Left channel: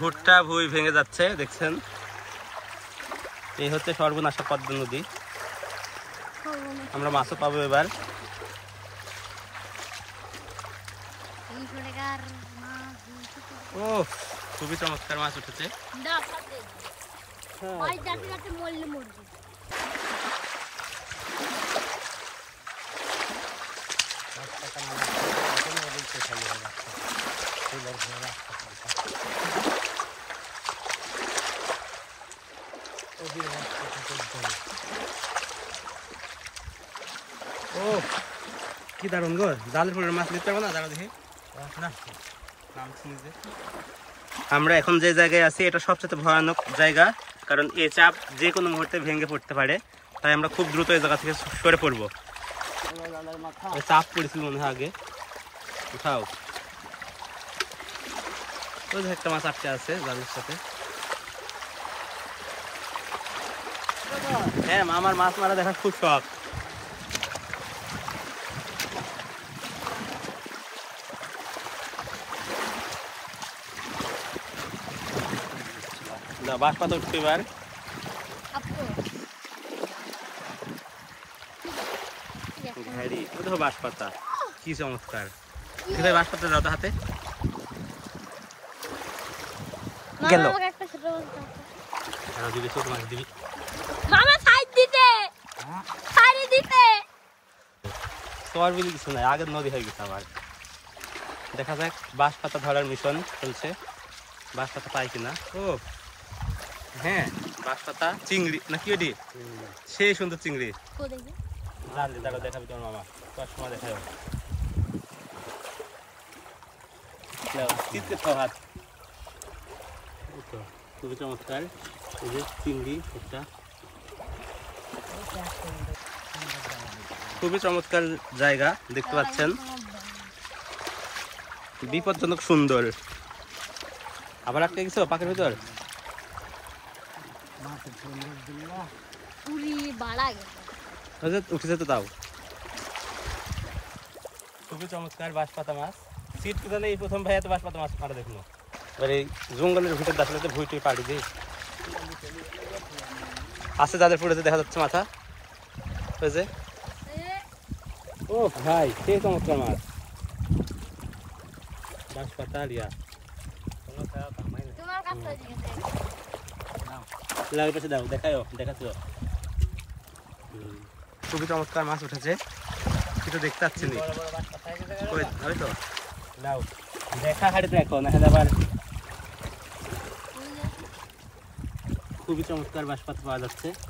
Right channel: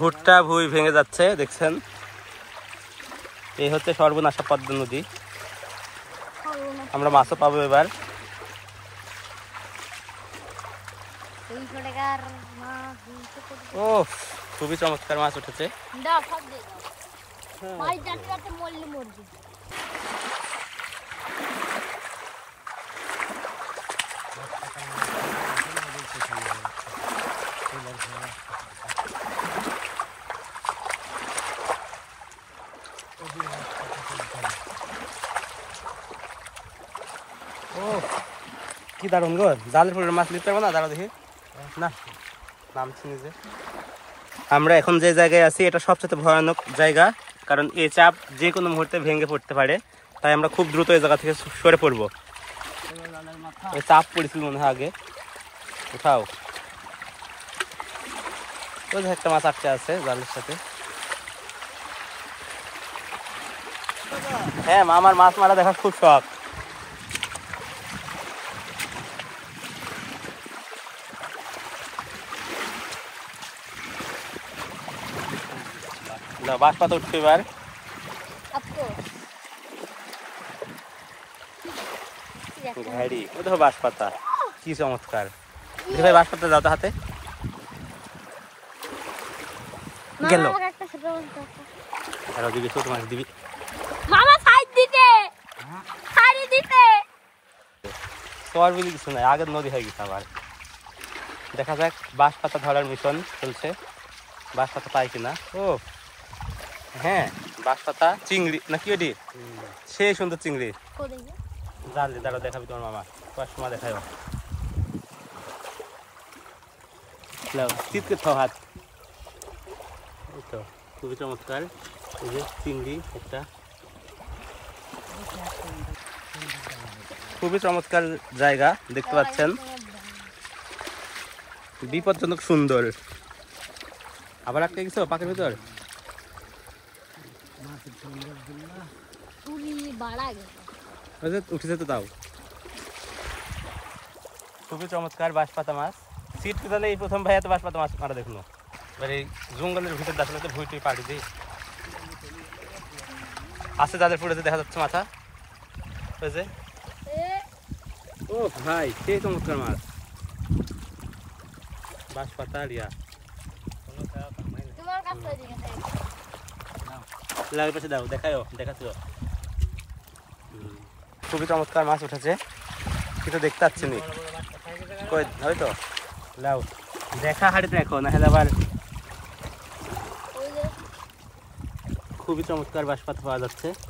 ভুট্টা ভুঁই ভেঙে যাচ্ছে দেখছেন। এই হচ্ছে সর্বনাশা পদ্মা নদী। আমরা মাছও পাবো এবার। ও খুবই চমৎকার মাছ উঠেছে। ও কি দারুণ গো, জালের পরে মাছ নিতে পারবো না? দাঁড়া দেখি না, নামছি নিজে। আমরা এখন যে জায়গায় আছি এটা সবচেয়ে ভয়ানক জায়গা, কারণ এই চাপ যে কোনো মুহূর্তে ভেঙে পড়তে পারে। তাই আমরা খুব দ্রুত এই জায়গা থেকে সরে পড়বো। চাপ পড়েছিল মনে হয় আগে। উঠাও, ওই যে একটা মাছ আটকে আছে জালের সাথে। হ্যাঁ, আমার মাছ মারা দেখার খুব শখ। বাঁশ পাতা উঠছে এবার। ঘাড়ি, ওই দেখো বাঁশ পাতা, কি চমৎকার। ভাই বাঁশ পাতা দাও তো হাতে। গেল আরো দিবি, ছোট মাছ দিবি। তোর বলি কিছু নাই, আগের নদী হয়ে গেছে আবার। দেখা যাক বাঁশ পাতা ধরার মিশন চলছে, বাঁশ পাতা পাই কিনা। ও হ্যাঁ, বাঁশ পাতা চিংড়ি না কি ওটি, সেই সুন্দর চিংড়ি। জানলি দাঁড়াও, দেখাবি তোমার মামা, কয়েক সময় দেখাবো। হাত, খুবই চমৎকার। এই যে চিংড়ি একটা, খুবই চমৎকার জায়গা দেখতে পাচ্ছেন, বিপজ্জনক সুন্দর। আবার আটকে গেছো পাকের ভিতর। উঠেছে তো তাও। খুবই চমৎকার বাঁশ পাতা মাছ। সিট কোথালে এই প্রথম ভাইয়া তো বাঁশ পাতা মাছ মারা দেখলো। এবার এই জঙ্গলের ভিতর আসলে তো ভুঁই টুই পাড়ি দিই আছে, যাদের পড়েছে দেখা যাচ্ছে মাথা হয়েছে। ও ভাই, সেই চমৎকার মাছ, বাঁশ পাতা রিয়া। পাশে দাও, দেখাও, দেখাচ্ছ। খুবই চমৎকার মাছ উঠেছে, কিন্তু দেখতে পাচ্ছি না। হয়তো লাও দেখা হাড়ি দেখো না হলে আবার। খুবই চমৎকার বাঁশ পাতা পাওয়া যাচ্ছে।